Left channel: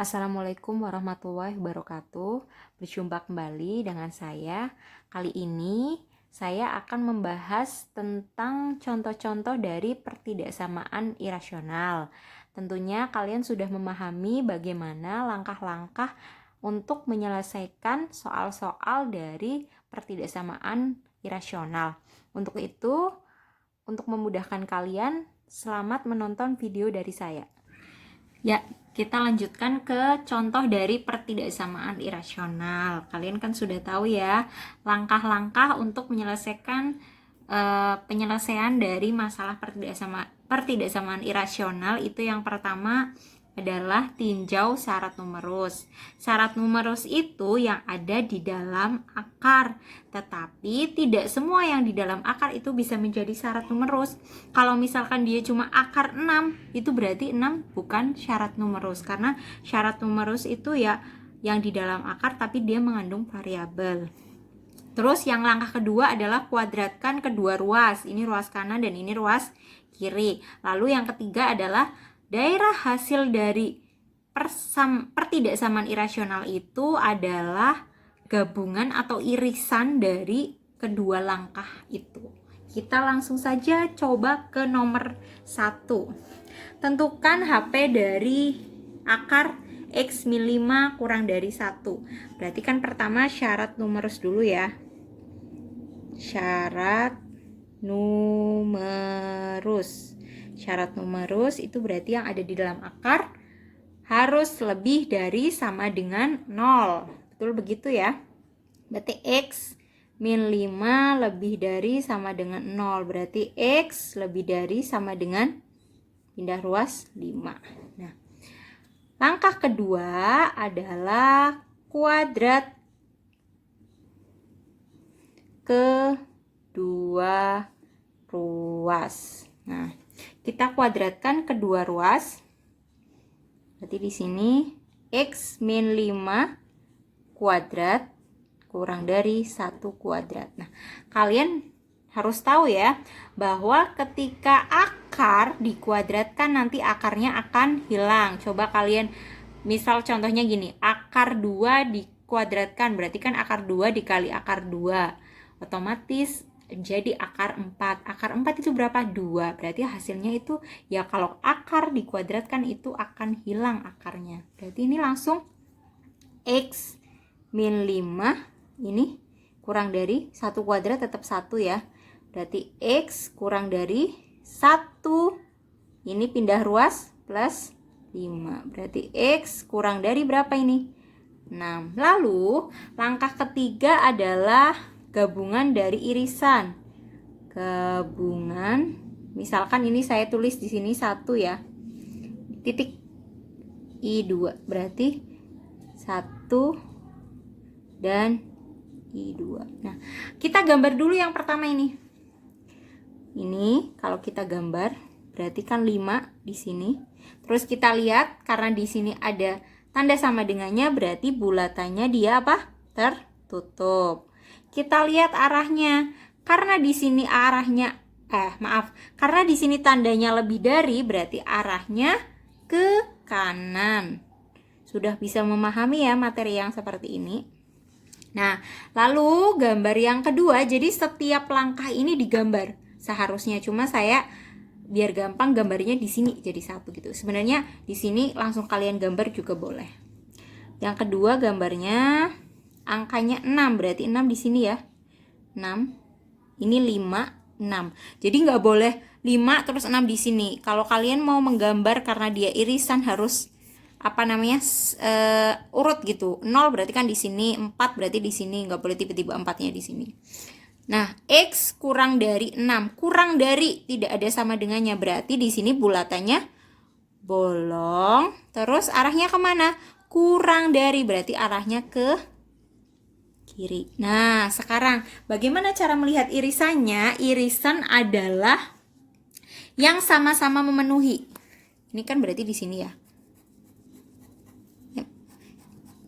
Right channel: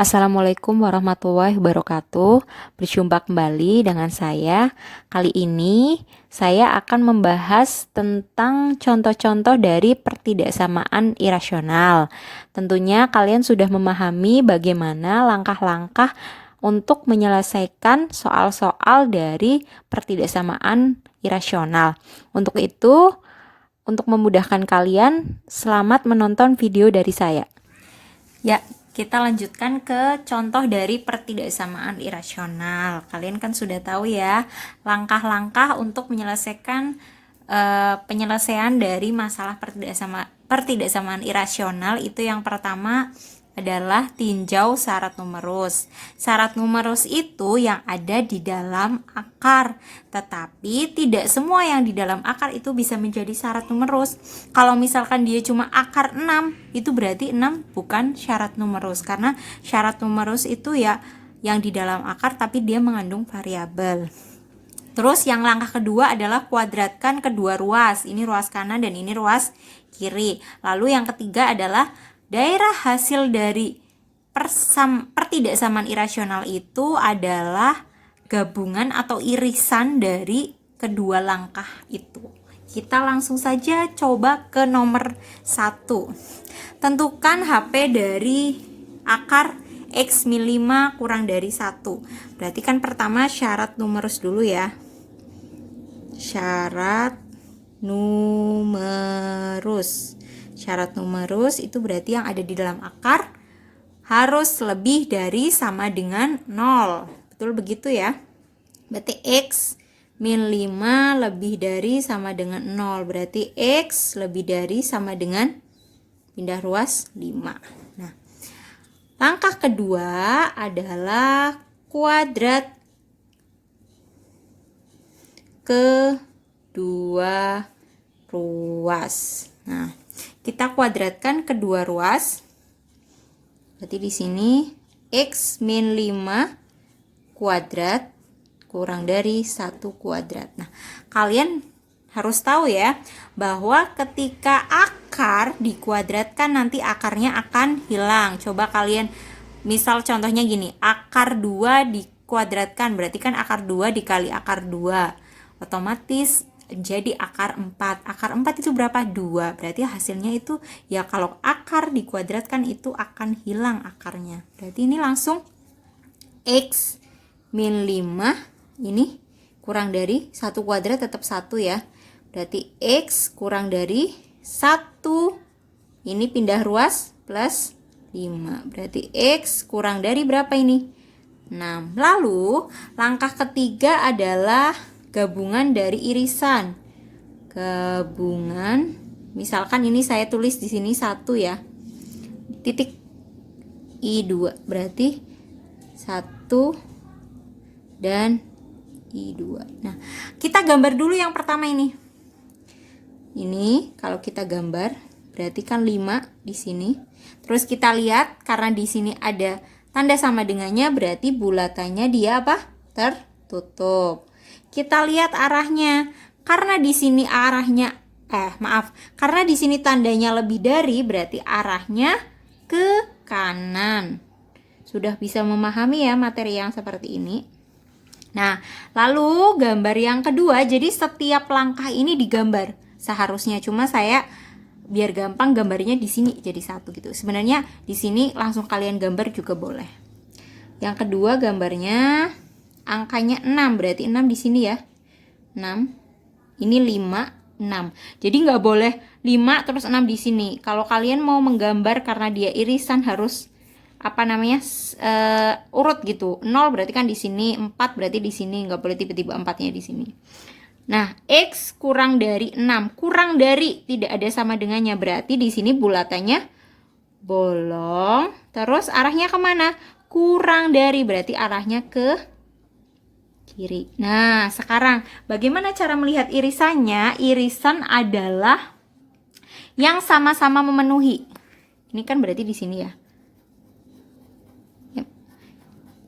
Assalamualaikum warahmatullahi wabarakatuh. Berjumpa kembali dengan saya. Kali ini saya akan membahas tentang contoh-contoh dari pertidaksamaan irasional. Tentunya kalian sudah memahami bagaimana langkah-langkah untuk menyelesaikan soal-soal dari pertidaksamaan irasional. Untuk itu, untuk memudahkan kalian, selamat menonton video dari saya. Ya, kita lanjutkan ke contoh dari pertidaksamaan irasional. Kalian kan sudah tahu ya, langkah-langkah untuk menyelesaikan penyelesaian dari masalah pertidaksamaan irasional itu yang pertama adalah tinjau syarat numerus. Syarat numerus itu yang ada di dalam akar, tetapi tidak semua yang di dalam akar itu bisa menjadi syarat numerus. Kalau misalkan dia cuma akar 6, itu berarti 6 bukan syarat numerus, karena syarat numerus itu ya yang di dalam akar tapi dia mengandung variabel. Terus yang langkah kedua adalah kuadratkan kedua ruas. Ini ruas kanan dan ini ruas kiri. Lalu yang ketiga adalah daerah hasil dari pertidaksamaan irasional itu adalah gabungan atau irisan dari kedua langkah itu. Kita langsung saja coba ke nomor 1. Tentukan HP dari akar X min 5 kurang dari 1. Berarti kan pertama syarat numerus dulu ya. Syarat numerus. Syarat numerus itu berarti yang ada di dalam akar harus lebih dari sama dengan 0. Betul begitu ya? Berarti X min 5 lebih dari sama dengan 0. Berarti X lebih dari sama dengan pindah ruas 5. Nah, langkah kedua adalah kuadrat kedua ruas. Nah, kita kuadratkan kedua ruas. Berarti di sini X min 5 kuadrat kurang dari 1 kuadrat. Nah, kalian harus tahu ya, bahwa ketika akar dikuadratkan nanti akarnya akan hilang. Coba kalian, misal contohnya gini, akar 2 dikuadratkan, berarti kan akar 2 dikali akar 2. Otomatis jadi akar 4. Akar 4 itu berapa? 2. Berarti hasilnya itu ya kalau akar dikuadratkan itu akan hilang akarnya. Berarti ini langsung X min 5 ini kurang dari 1 kuadrat tetap 1 ya. Berarti X kurang dari 1 ini pindah ruas plus 5. Berarti X kurang dari berapa ini? 6. Lalu langkah ketiga adalah gabungan dari irisan. Gabungan, misalkan ini saya tulis di sini 1 ya. Titik I2 berarti 1 dan I2. Nah, kita gambar dulu yang pertama ini. Ini kalau kita gambar berarti kan 5 di sini. Terus kita lihat karena di sini ada tanda sama dengannya, berarti bulatannya dia apa? Tertutup. Kita lihat arahnya. Karena di sini arahnya karena di sini tandanya lebih dari, berarti arahnya ke kanan. Sudah bisa memahami ya materi yang seperti ini. Nah, lalu gambar yang kedua, jadi setiap langkah ini digambar seharusnya, cuma saya biar gampang gambarnya di sini jadi 1 gitu. Sebenarnya di sini langsung kalian gambar juga boleh. Yang kedua gambarnya angkanya 6, berarti 6 di sini ya. 6. Ini 5, 6. Jadi nggak boleh 5 terus 6 di sini. Kalau kalian mau menggambar karena dia irisan harus urut gitu. 0 berarti kan di sini, 4 berarti di sini, nggak boleh tiba-tiba 4-nya di sini. Nah, X kurang dari 6, kurang dari tidak ada sama dengannya, berarti di sini bulatannya bolong. Terus arahnya kemana? Kurang dari, berarti arahnya ke kiri. Nah, sekarang bagaimana cara melihat irisannya? Irisan adalah yang sama-sama memenuhi. Ini kan berarti di sini ya.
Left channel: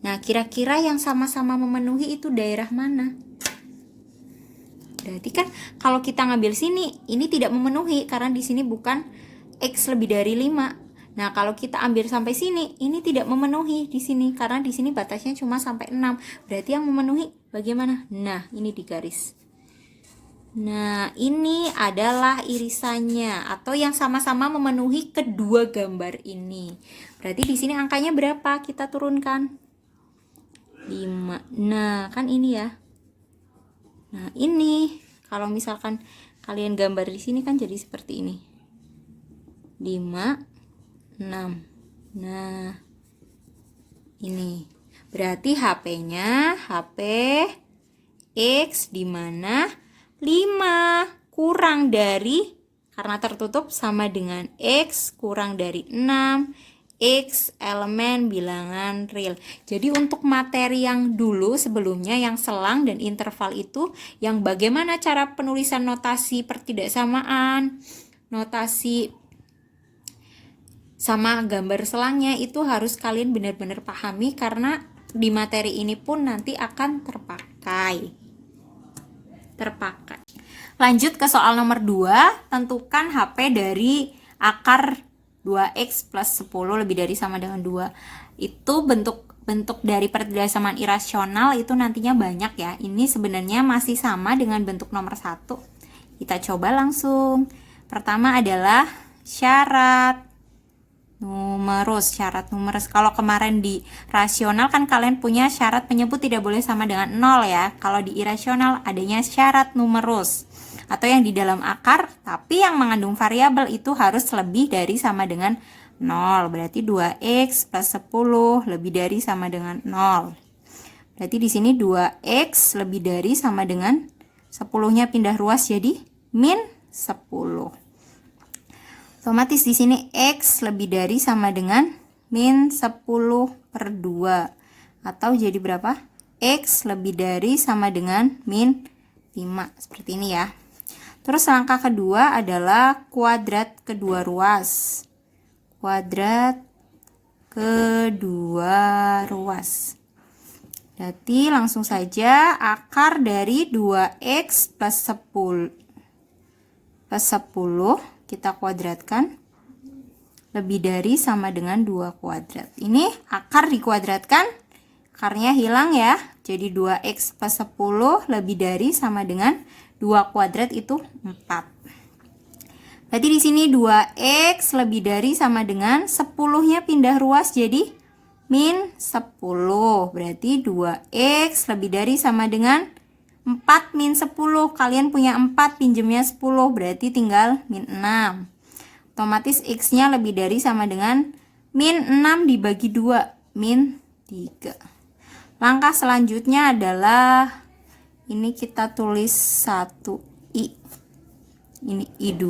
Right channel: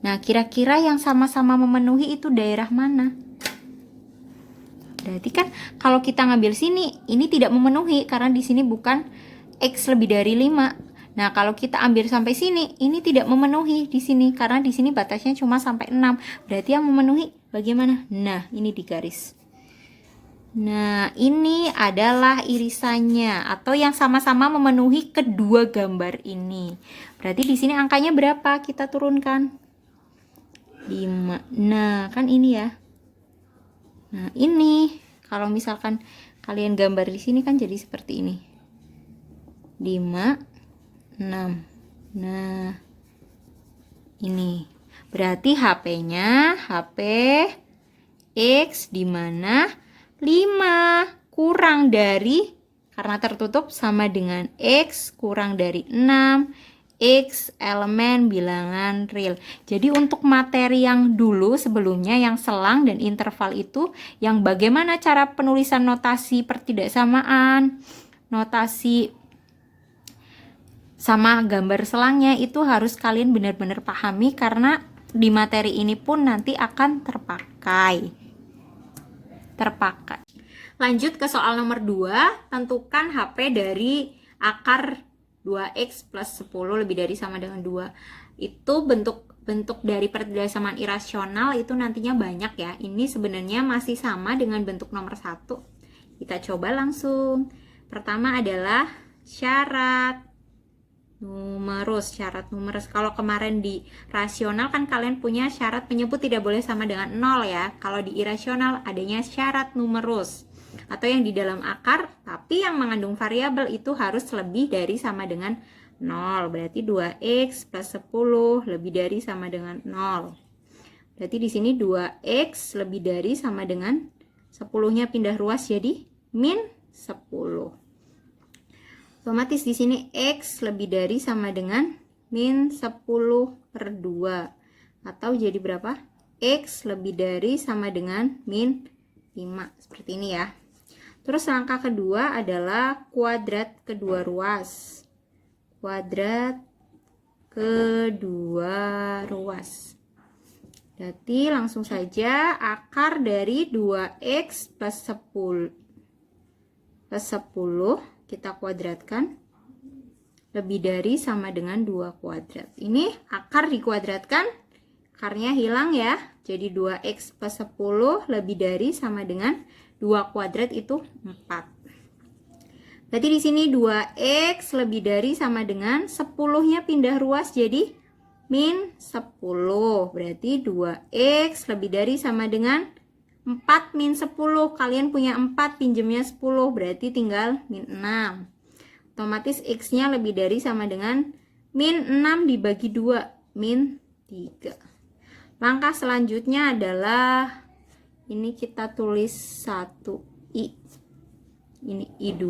Nah, kira-kira yang sama-sama memenuhi itu daerah mana? Berarti kan kalau kita ngambil sini, ini tidak memenuhi karena di sini bukan X lebih dari 5. Nah, kalau kita ambil sampai sini, ini tidak memenuhi di sini karena di sini batasnya cuma sampai 6. Berarti yang memenuhi bagaimana? Nah, ini di garis. Nah, ini adalah irisannya atau yang sama-sama memenuhi kedua gambar ini. Berarti di sini angkanya berapa? Kita turunkan. 5. Nah, kan ini ya. Nah, ini kalau misalkan kalian gambar di sini kan jadi seperti ini. 5, 6. Nah, ini. Berarti HP-nya HP X di mana 5 kurang dari, karena tertutup sama dengan X kurang dari 6, X elemen bilangan real. Jadi untuk materi yang dulu sebelumnya yang selang dan interval itu, yang bagaimana cara penulisan notasi pertidaksamaan, notasi sama gambar selangnya itu harus kalian benar-benar pahami karena di materi ini pun nanti akan terpakai. Lanjut ke soal nomor 2, tentukan HP dari akar 2x plus 10 lebih dari sama dengan 2. Itu bentuk dari pertidaksamaan irasional itu nantinya banyak ya. Ini sebenarnya masih sama dengan bentuk nomor 1. Kita coba langsung. Pertama adalah syarat numerus. Kalau kemarin di rasional kan kalian punya syarat penyebut tidak boleh sama dengan 0 ya. Kalau di irasional adanya syarat numerus atau yang di dalam akar tapi yang mengandung variabel itu harus lebih dari sama dengan 0. Berarti 2x plus 10 lebih dari sama dengan 0. Berarti di sini 2x lebih dari sama dengan 10-nya pindah ruas jadi min 10. Otomatis di sini X lebih dari sama dengan min 10 per 2. Atau jadi berapa? X lebih dari sama dengan min 5. Seperti ini ya. Terus langkah kedua adalah kuadrat kedua ruas. Kuadrat kedua ruas. Berarti langsung saja akar dari 2x plus 10 kita kuadratkan lebih dari sama dengan 2 kuadrat. Ini akar dikuadratkan, akarnya hilang ya. Jadi 2x plus 10 lebih dari sama dengan 2 kuadrat itu 4. Berarti di sini 2x lebih dari sama dengan 10-nya pindah ruas jadi min 10. Berarti 2x lebih dari sama dengan 4 min 10. Kalian punya 4, pinjemnya 10, berarti tinggal min 6. Otomatis x-nya lebih dari sama dengan min 6 dibagi 2, min 3. Langkah selanjutnya adalah ini kita tulis 1i. Ini i2.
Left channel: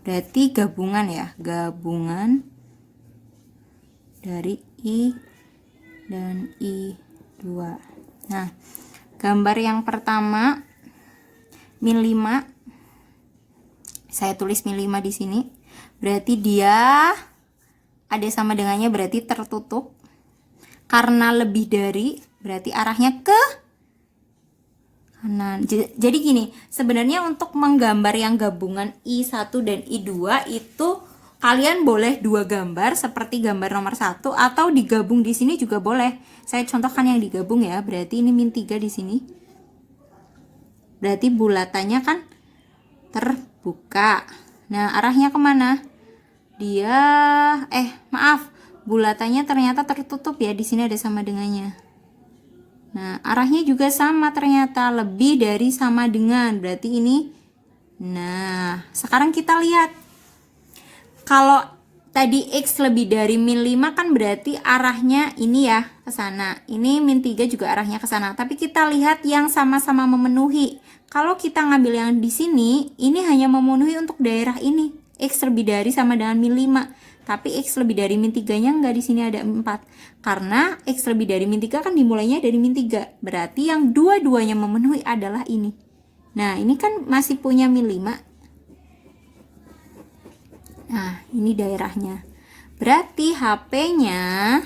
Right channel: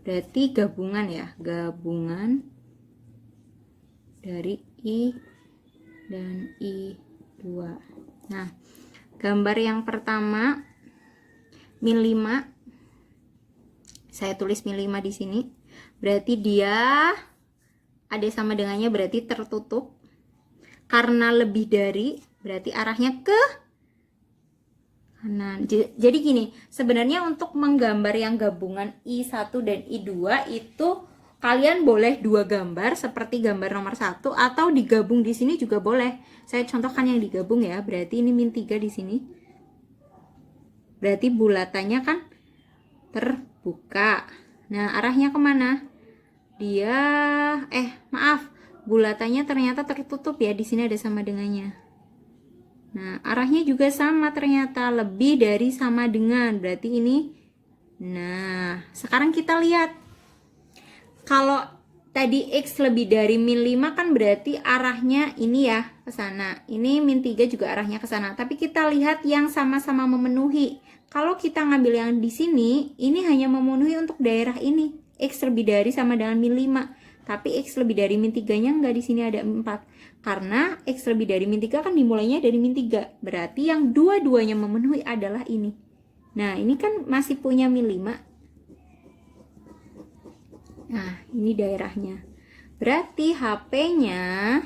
Berarti gabungan ya, gabungan dari i dan i2. Nah, gambar yang pertama min 5. Saya tulis min 5 di sini. Berarti dia ada sama dengannya, berarti tertutup. Karena lebih dari, berarti arahnya ke kanan. Jadi gini, sebenarnya untuk menggambar yang gabungan I1 dan I2 itu kalian boleh 2 gambar seperti gambar nomor 1 atau digabung di sini juga boleh. Saya contohkan yang digabung ya. Berarti ini min 3 di sini. Berarti bulatannya kan terbuka. Nah, arahnya kemana? Dia bulatannya ternyata tertutup ya. Di sini ada sama dengannya. Nah, arahnya juga sama ternyata, lebih dari sama dengan. Berarti ini. Nah, sekarang kita lihat. Kalau tadi X lebih dari min 5 kan berarti arahnya ini ya ke sana. Ini min 3 juga arahnya ke sana. Tapi kita lihat yang sama-sama memenuhi. Kalau kita ngambil yang di sini, ini hanya memenuhi untuk daerah ini. X lebih dari sama dengan min 5. Tapi X lebih dari min 3-nya enggak, di sini ada 4. Karena X lebih dari min 3 kan dimulainya dari min 3. Berarti yang dua-duanya memenuhi adalah ini. Nah, ini kan masih punya min 5. Nah, ini daerahnya. Berarti HP-nya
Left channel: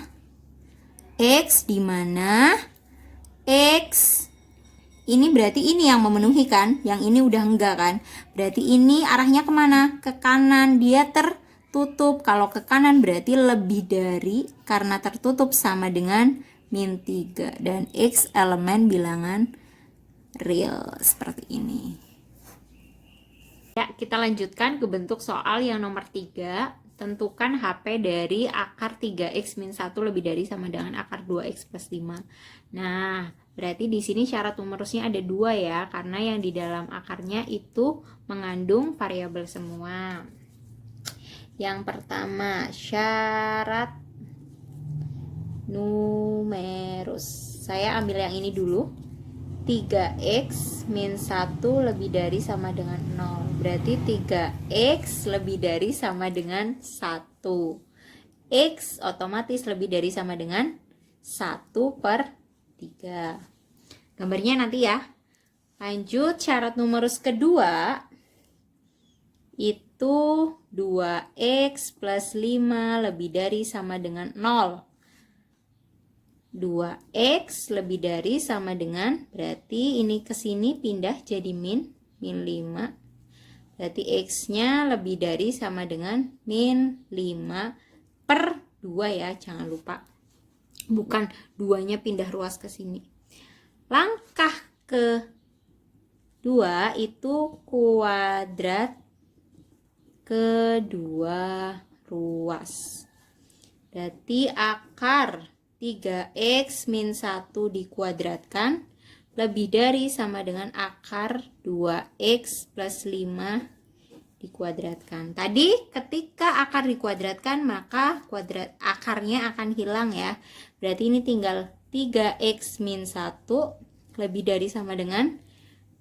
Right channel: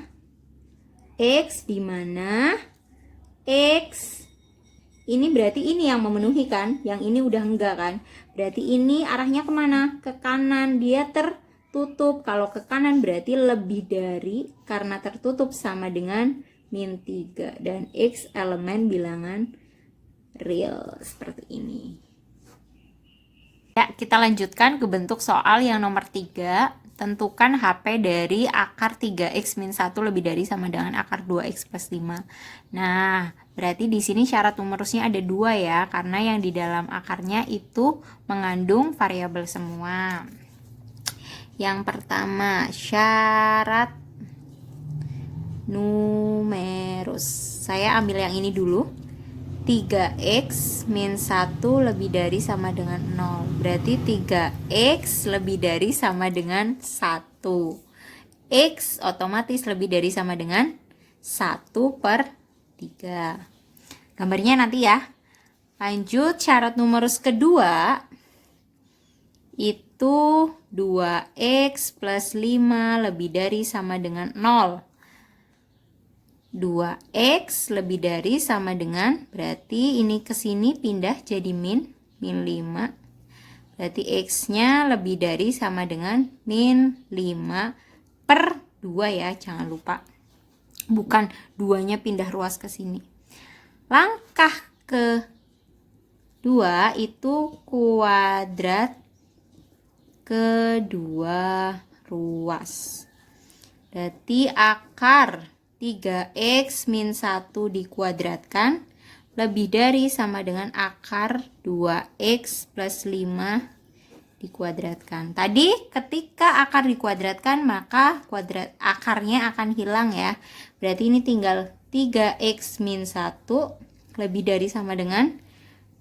X di mana X ini berarti ini yang memenuhi kan, yang ini udah enggak kan. Berarti ini arahnya kemana? Ke kanan, dia tertutup tertutup. Kalau ke kanan berarti lebih dari, karena tertutup sama dengan min 3. Dan X elemen bilangan real seperti ini. Ya, kita lanjutkan ke bentuk soal yang nomor 3. Tentukan HP dari akar 3x min 1 lebih dari sama dengan akar 2x plus 5. Nah, berarti di sini syarat numerusnya ada 2 ya, karena yang di dalam akarnya itu mengandung variabel semua. Yang pertama, syarat numerus. Saya ambil yang ini dulu. 3x min 1 lebih dari sama dengan 0. Berarti 3x lebih dari sama dengan 1. X otomatis lebih dari sama dengan 1 per 3. Gambarnya nanti ya. Lanjut, syarat numerus kedua itu 2x plus 5 lebih dari sama dengan 0. 2x lebih dari sama dengan, berarti ini ke sini pindah jadi min 5. Berarti x-nya lebih dari sama dengan min 5 per 2 ya, jangan lupa. Bukan 2-nya pindah ruas ke sini. Langkah kedua itu kuadrat kedua ruas. Berarti akar 3x min 1 dikuadratkan lebih dari sama dengan akar 2x plus 5 dikuadratkan. Tadi ketika akar dikuadratkan maka akarnya akan hilang ya. Berarti ini tinggal 3x min 1 lebih dari sama dengan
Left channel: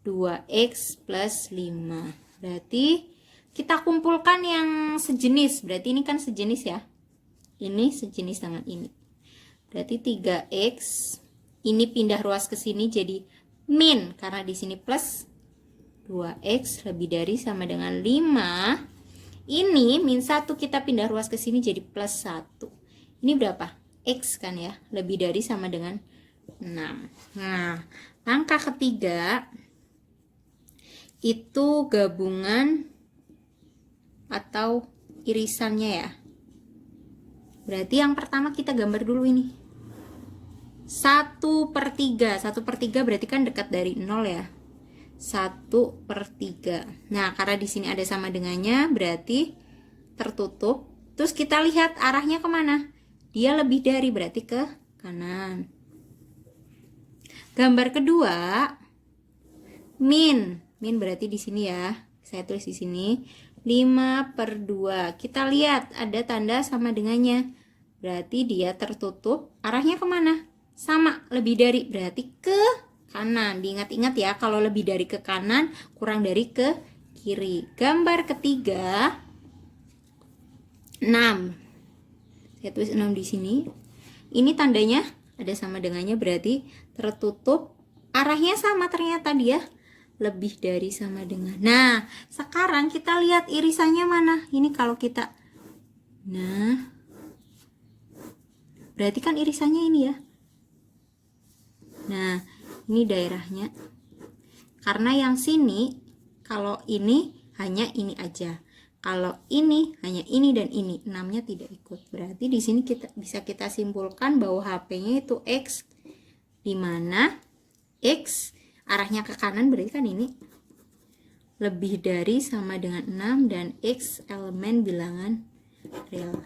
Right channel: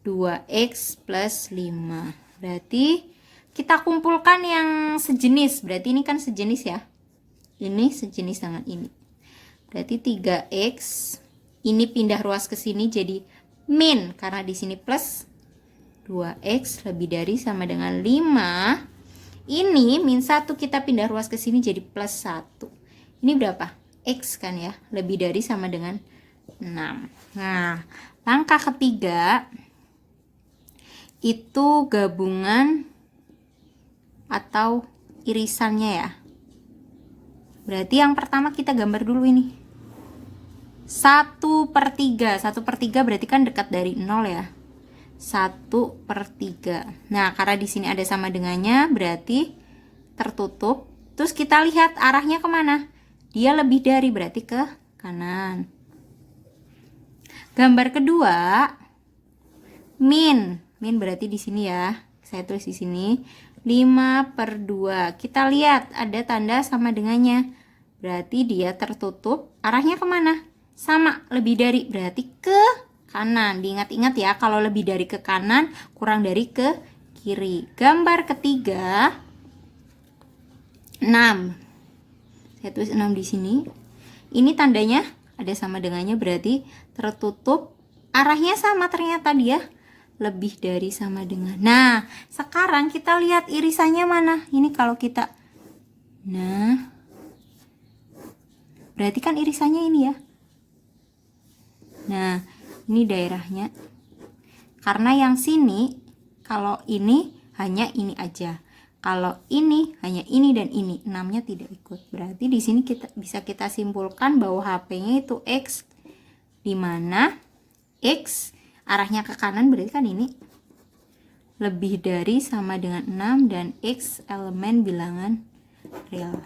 2x plus 5. Berarti kita kumpulkan yang sejenis. Berarti ini kan sejenis ya. Ini sejenis dengan ini. Berarti 3x ini pindah ruas ke sini jadi min, karena di sini plus 2x lebih dari sama dengan 5. Ini min 1 kita pindah ruas ke sini jadi plus 1. Ini berapa? X kan ya, lebih dari sama dengan 6. Nah, langkah ketiga itu gabungan atau irisannya ya. Berarti yang pertama kita gambar dulu ini. 1 per 3. 1 per 3 berarti kan dekat dari 0 ya. 1 per 3. Nah, karena di sini ada sama dengannya, berarti tertutup. Terus kita lihat arahnya kemana? Dia lebih dari, berarti ke kanan. Gambar kedua, min. Min berarti di sini ya. Saya tulis di sini. 5 per 2. Kita lihat ada tanda sama dengannya. Berarti dia tertutup. Arahnya kemana? Sama, lebih dari, berarti ke kanan. Diingat-ingat ya, kalau lebih dari ke kanan, kurang dari ke kiri. Gambar ketiga, 6. Saya tulis 6 di sini. Ini tandanya ada sama dengannya, berarti tertutup. Arahnya sama, ternyata dia lebih dari sama dengan. Nah, sekarang kita lihat irisannya mana. Ini kalau kita, nah, berarti kan irisannya ini ya. Nah, ini daerahnya. Karena yang sini, kalau ini hanya ini aja. Kalau ini hanya ini dan ini, 6-nya tidak ikut. Berarti di sini bisa kita simpulkan bahwa HP-nya itu X, di mana X arahnya ke kanan, berarti kan ini lebih dari sama dengan 6 dan X elemen bilangan real.